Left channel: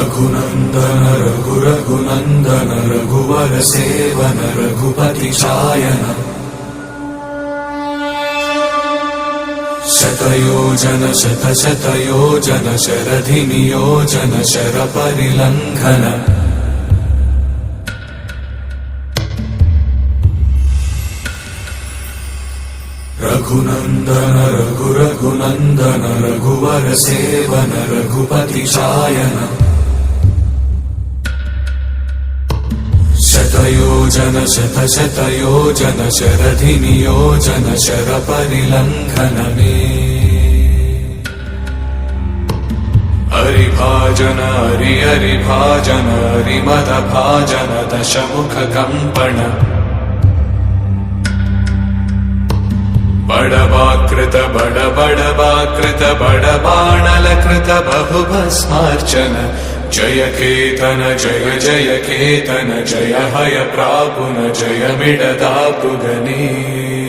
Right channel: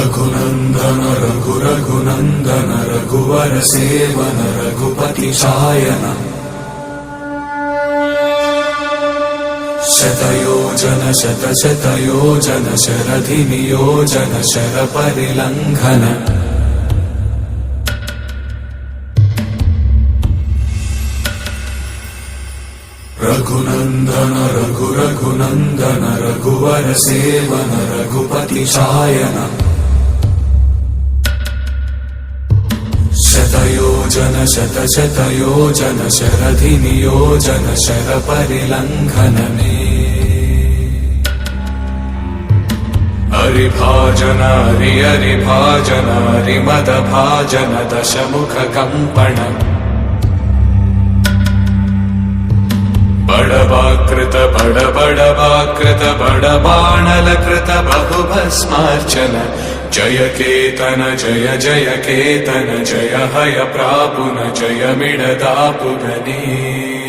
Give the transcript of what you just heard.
रघुनन्दन रघुनन्दन रघुवर seven Raghupati चायन शतयोजन शतशतयोजन शरधिनियोजन शरपरिलङ्घन Raghunandan Raghunandan रघुवर seven Raghupati चायन शतयोजन शतशतयोजन शरधिनियोजन शरपरिलङ्घनने हरिभाजन हरिभाजन हरिमदभाजन दशमुखकम्पण बड़वाकृत बड़वाकृत बड़बाणलकृत बहुभस्मार्चन जय केतन जय जय केतन जय हय प्रापुन जय मिडदापुगने।